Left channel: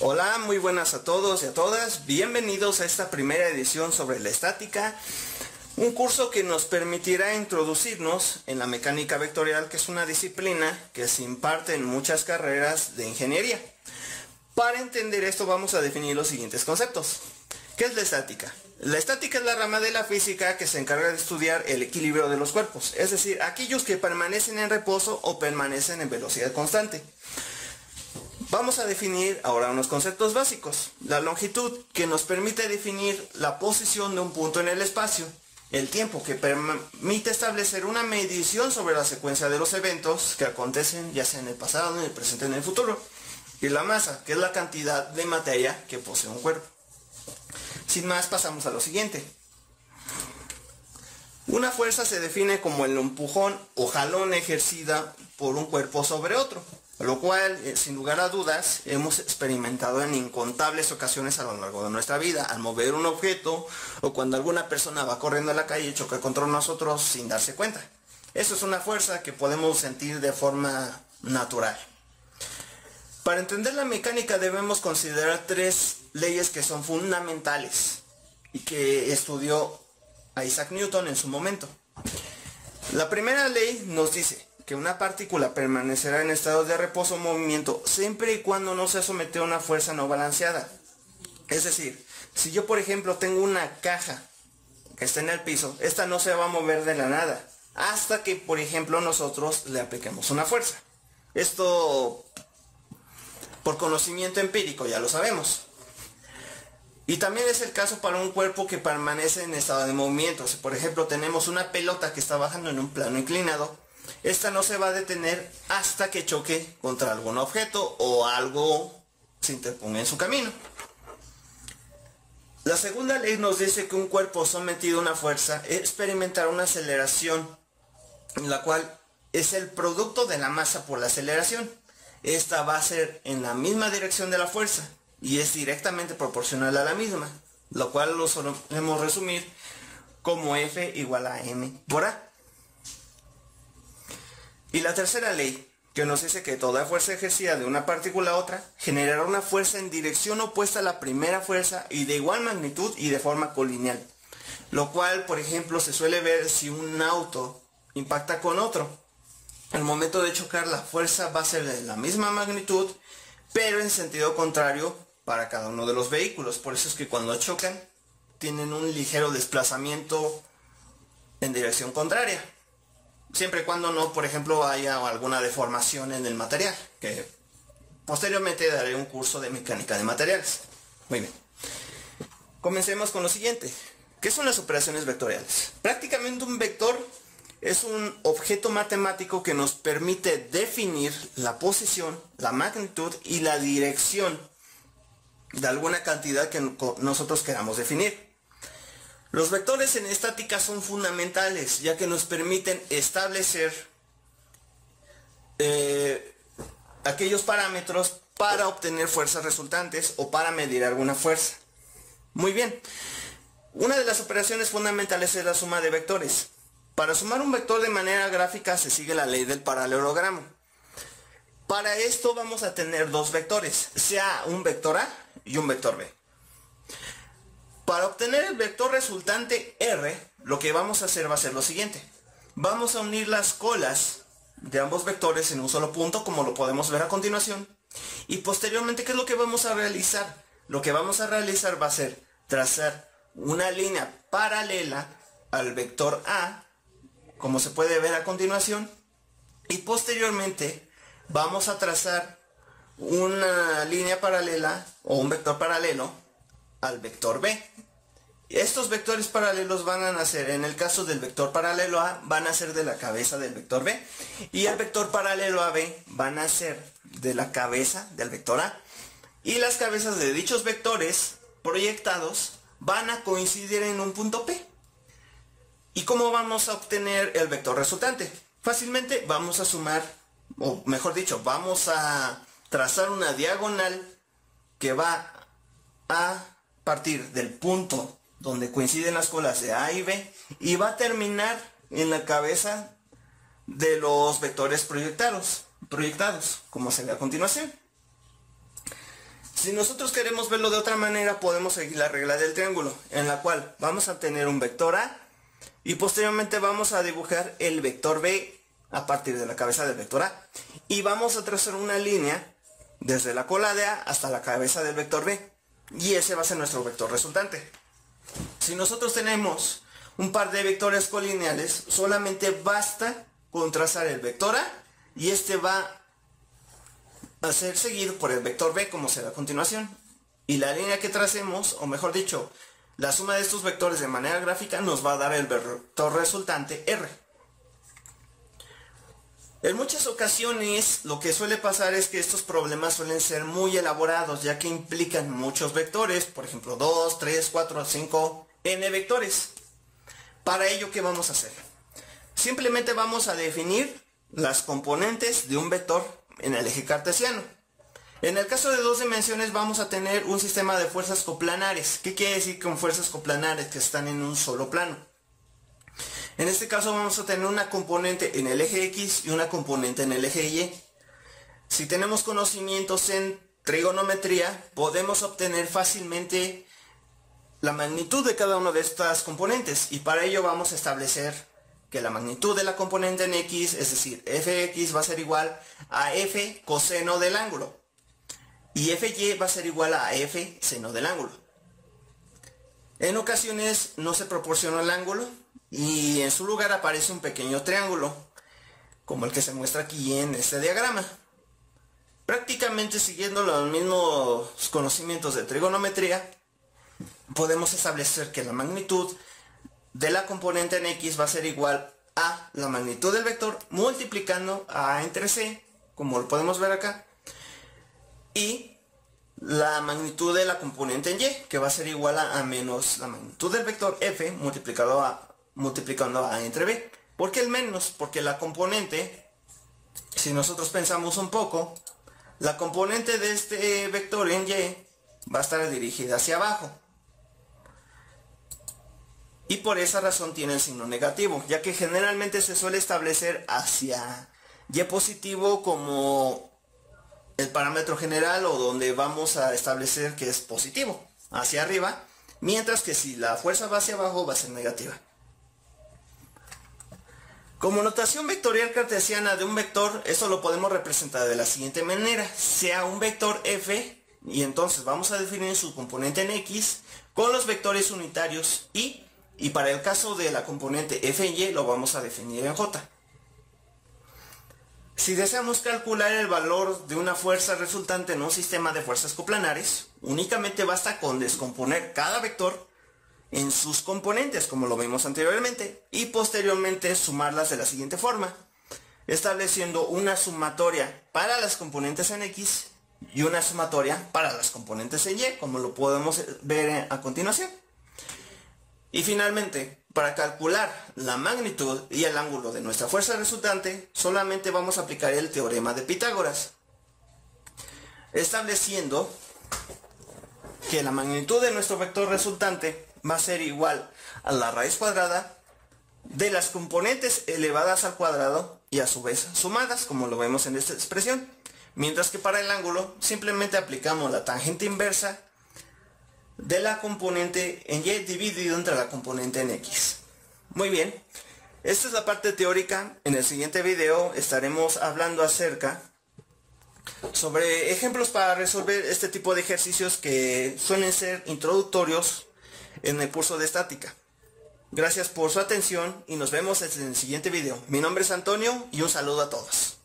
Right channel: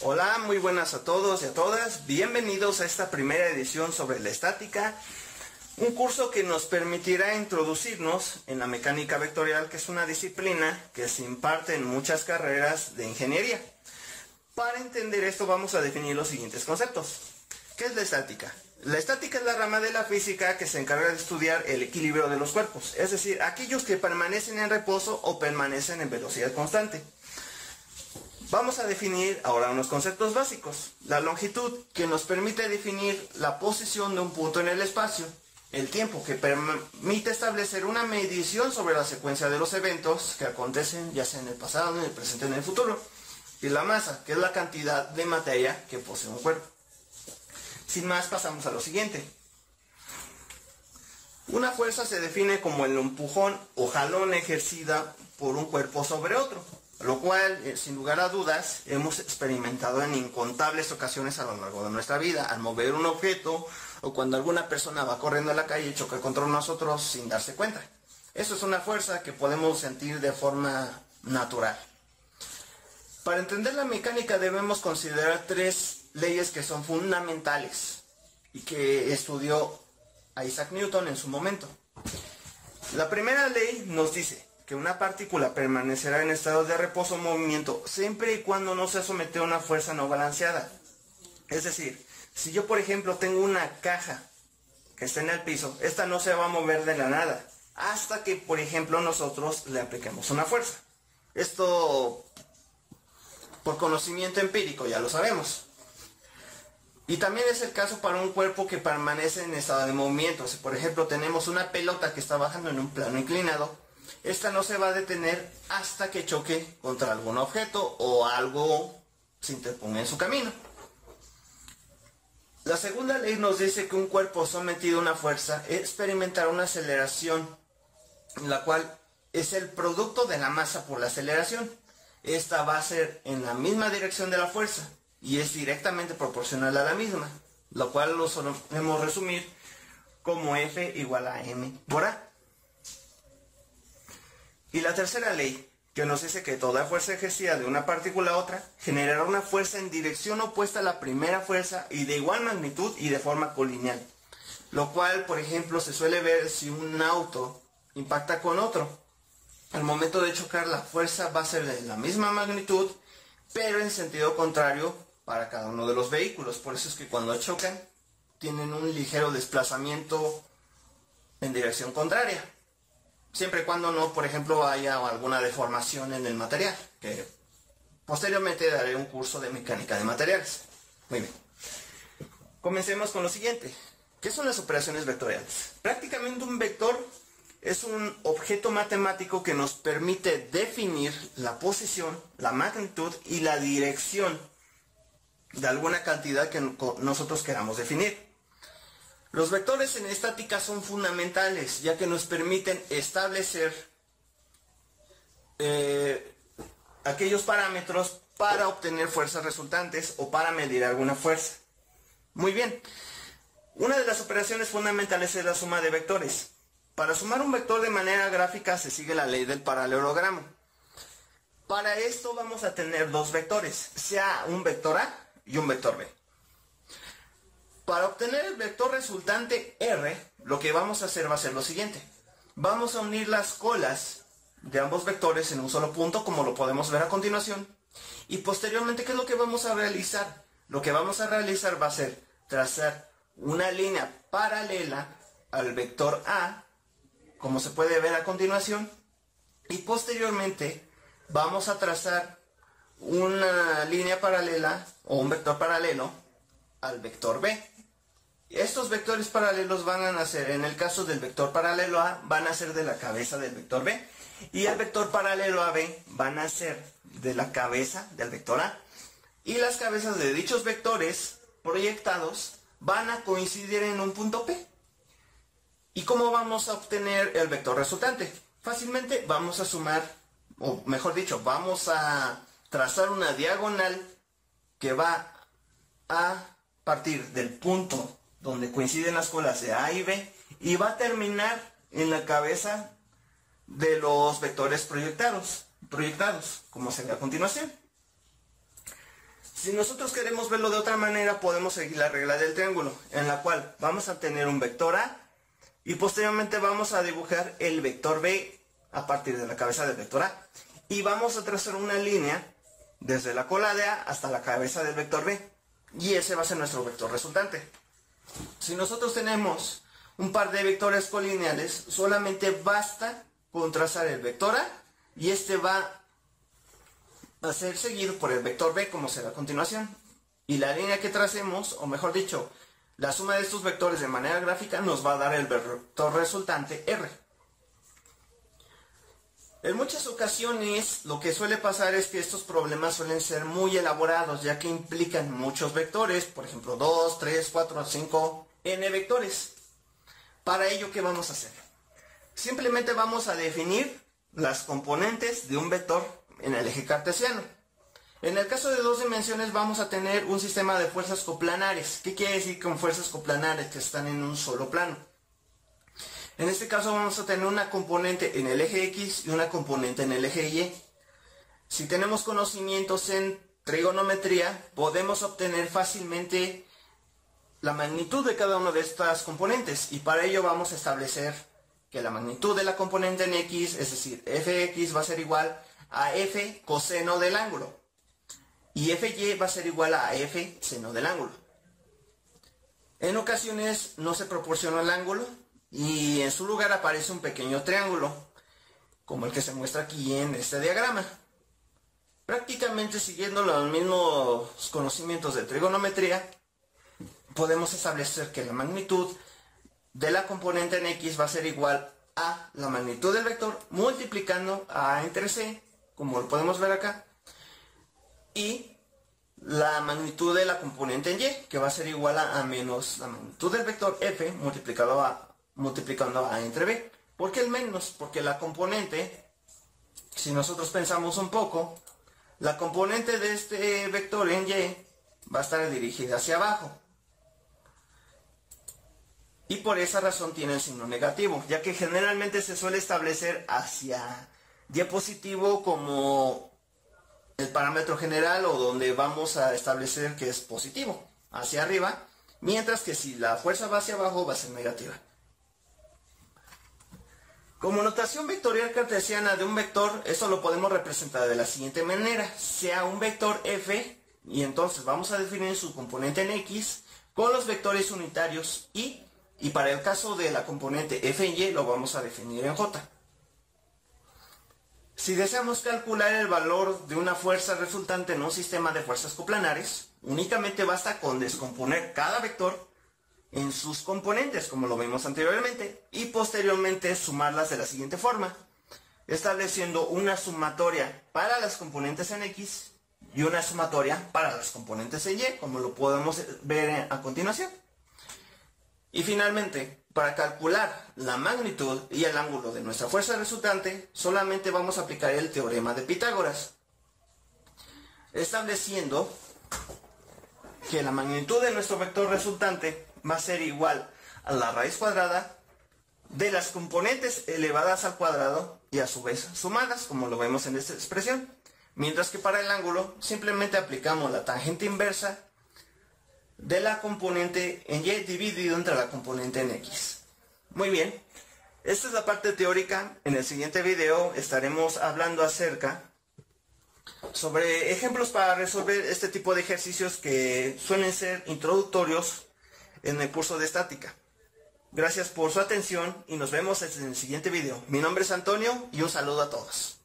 Hola, muy buenas a todos y a todas. Bienvenidos a esta primera edición sobre la estática, un curso que nos permitirá introducirnos en la mecánica vectorial, que es una disciplina que se imparte en muchas carreras de ingeniería. Para entender esto vamos a definir los siguientes conceptos. ¿Qué es la estática? La estática es la rama de la física que se encarga de estudiar el equilibrio de los cuerpos, es decir, aquellos que permanecen en reposo o permanecen en velocidad constante. Vamos a definir ahora unos conceptos básicos. La longitud, que nos permite definir la posición de un punto en el espacio. El tiempo, que permite establecer una medición sobre la secuencia de los eventos que acontecen ya sea en el pasado, en el presente, en el futuro. Y la masa, que es la cantidad de materia que posee un cuerpo. Sin más, pasamos a lo siguiente. Una fuerza se define como el empujón o jalón ejercida por un cuerpo sobre otro, lo cual, sin lugar a dudas, hemos experimentado en incontables ocasiones a lo largo de nuestra vida, al mover un objeto o cuando alguna persona va corriendo a la calle y choca contra nosotros sin darse cuenta. Eso es una fuerza que podemos sentir de forma natural. Para entender la mecánica debemos considerar tres leyes que son fundamentales y que estudió Isaac Newton en su momento. La primera ley nos dice que una partícula permanecerá en estado de reposo o movimiento siempre y cuando no sea sometida a una fuerza no balanceada. Es decir, si yo por ejemplo tengo una caja que está en el piso, esta no se va a mover de la nada hasta que por ejemplo nosotros le apliquemos una fuerza. Esto por conocimiento empírico, ya lo sabemos. Y también es el caso para un cuerpo que permanece en estado de movimiento. Si por ejemplo tenemos una pelota que está bajando en un plano inclinado, esta no se va a detener hasta que choque contra algún objeto o algo se interponga en su camino. La segunda ley nos dice que un cuerpo sometido a una fuerza experimentará una aceleración, en la cual es el producto de la masa por la aceleración. Esta va a ser en la misma dirección de la fuerza y es directamente proporcional a la misma, lo cual lo solemos resumir como F igual a M por A. Y la tercera ley, que nos dice que toda fuerza ejercida de una partícula a otra generará una fuerza en dirección opuesta a la primera fuerza y de igual magnitud y de forma colineal. Lo cual, por ejemplo, se suele ver si un auto impacta con otro. Al momento de chocar, la fuerza va a ser de la misma magnitud, pero en sentido contrario para cada uno de los vehículos. Por eso es que cuando chocan, tienen un ligero desplazamiento en dirección contraria. Siempre y cuando no, por ejemplo, haya alguna deformación en el material, que posteriormente daré un curso de mecánica de materiales. Muy bien. Comencemos con lo siguiente. ¿Qué son las operaciones vectoriales? Prácticamente un vector es un objeto matemático que nos permite definir la posición, la magnitud y la dirección de alguna cantidad que nosotros queramos definir. Los vectores en estática son fundamentales, ya que nos permiten establecer aquellos parámetros para obtener fuerzas resultantes o para medir alguna fuerza. Muy bien, una de las operaciones fundamentales es la suma de vectores. Para sumar un vector de manera gráfica se sigue la ley del paralelogramo. Para esto vamos a tener dos vectores, sea un vector A y un vector B. Para obtener el vector resultante R, lo que vamos a hacer va a ser lo siguiente. Vamos a unir las colas de ambos vectores en un solo punto, como lo podemos ver a continuación. Y posteriormente, ¿qué es lo que vamos a realizar? Lo que vamos a realizar va a ser trazar una línea paralela al vector A, como se puede ver a continuación. Y posteriormente vamos a trazar una línea paralela o un vector paralelo al vector B. Estos vectores paralelos van a nacer, en el caso del vector paralelo A, van a ser de la cabeza del vector B, y el vector paralelo a B van a ser de la cabeza del vector A, y las cabezas de dichos vectores proyectados van a coincidir en un punto P. ¿Y cómo vamos a obtener el vector resultante? Fácilmente vamos a sumar, o mejor dicho, vamos a trazar una diagonal que va a partir del punto donde coinciden las colas de A y B y va a terminar en la cabeza de los vectores proyectados, como se ve a continuación. Si nosotros queremos verlo de otra manera, podemos seguir la regla del triángulo, en la cual vamos a tener un vector A y posteriormente vamos a dibujar el vector B a partir de la cabeza del vector A. Y vamos a trazar una línea desde la cola de A hasta la cabeza del vector B. Y ese va a ser nuestro vector resultante. Si nosotros tenemos un par de vectores colineales, solamente basta con trazar el vector A y este va a ser seguido por el vector B, como será a continuación. Y la línea que tracemos, o mejor dicho, la suma de estos vectores de manera gráfica nos va a dar el vector resultante R. En muchas ocasiones lo que suele pasar es que estos problemas suelen ser muy elaborados, ya que implican muchos vectores, por ejemplo 2, 3, 4, 5, n vectores. Para ello, ¿qué vamos a hacer? Simplemente vamos a definir las componentes de un vector en el eje cartesiano. En el caso de dos dimensiones vamos a tener un sistema de fuerzas coplanares. ¿Qué quiere decir con fuerzas coplanares? Que están en un solo plano. En este caso vamos a tener una componente en el eje X y una componente en el eje Y. Si tenemos conocimientos en trigonometría, podemos obtener fácilmente la magnitud de cada una de estas componentes. Y para ello vamos a establecer que la magnitud de la componente en X, es decir, fx va a ser igual a f coseno del ángulo. Y fy va a ser igual a f seno del ángulo. En ocasiones no se proporciona el ángulo y en su lugar aparece un pequeño triángulo, como el que se muestra aquí en este diagrama. Prácticamente siguiendo los mismos conocimientos de trigonometría, podemos establecer que la magnitud de la componente en X va a ser igual a la magnitud del vector multiplicando a entre C, como lo podemos ver acá, y la magnitud de la componente en Y, que va a ser igual a menos la magnitud del vector F multiplicando a entre B. ¿Por qué el menos? Porque la componente, si nosotros pensamos un poco, la componente de este vector en Y va a estar dirigida hacia abajo. Y por esa razón tiene el signo negativo, ya que generalmente se suele establecer hacia Y positivo como el parámetro general o donde vamos a establecer que es positivo, hacia arriba, mientras que si la fuerza va hacia abajo va a ser negativa. Como notación vectorial cartesiana de un vector, esto lo podemos representar de la siguiente manera: sea un vector f, y entonces vamos a definir su componente en X con los vectores unitarios y para el caso de la componente f en Y lo vamos a definir en J. Si deseamos calcular el valor de una fuerza resultante en un sistema de fuerzas coplanares, únicamente basta con descomponer cada vector en sus componentes, como lo vimos anteriormente, y posteriormente sumarlas de la siguiente forma, estableciendo una sumatoria para las componentes en X y una sumatoria para las componentes en Y, como lo podemos ver a continuación. Y finalmente, para calcular la magnitud y el ángulo de nuestra fuerza resultante, solamente vamos a aplicar el teorema de Pitágoras, estableciendo que la magnitud de nuestro vector resultante va a ser igual a la raíz cuadrada de las componentes elevadas al cuadrado y a su vez sumadas, como lo vemos en esta expresión. Mientras que para el ángulo simplemente aplicamos la tangente inversa de la componente en Y dividido entre la componente en X. Muy bien, esta es la parte teórica. En el siguiente video estaremos hablando acerca sobre ejemplos para resolver este tipo de ejercicios que suelen ser introductorios en el curso de estática. Gracias por su atención y nos vemos en el siguiente video. Mi nombre es Antonio y un saludo a todos.